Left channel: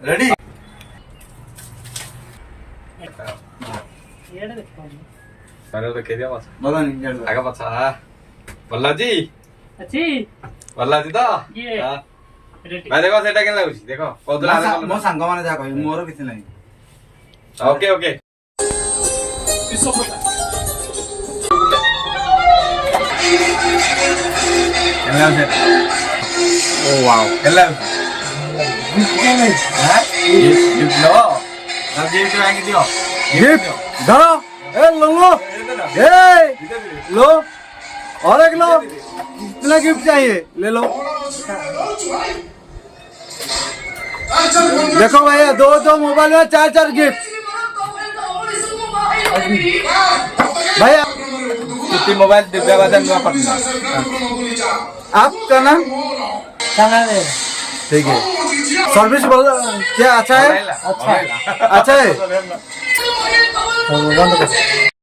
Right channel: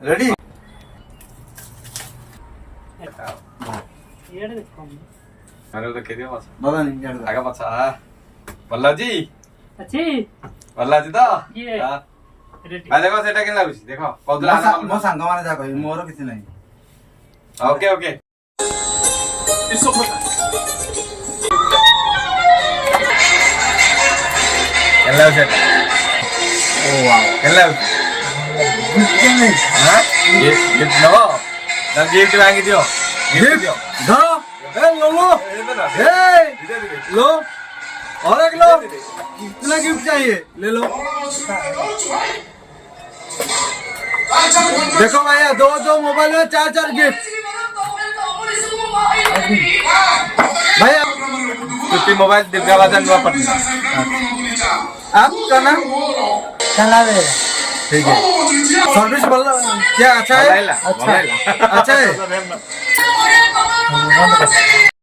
रेडी मैंने तो कह दिया बस पता नहीं आगे पछा बल्ला जी अच्छी बल्ला जी तो ये हाँ। रेडी मैं देखो सेटा केन लाଗୁଛି देखो कौदला मो सांग माने जा कहि मोर किछ नहीं ओके ओके एला से ओ वाओ एला किछ नहीं हां गिफ्ट लो ना गिफ्ट मांगी दियो गिफ्ट धरो ए लो लो ए लो और एक लो कितना गिफ्ट चाहिए ले लो देखो भैया दो दो मोबाइल में चार चार गिफ्ट भैया छुट्टी मोबाइल दिव्या बाजार नुआ पटना आपका नाम चला दे ठीक है सर्विस बोल क्या अच्छा है अच्छा अच्छा है बंद कर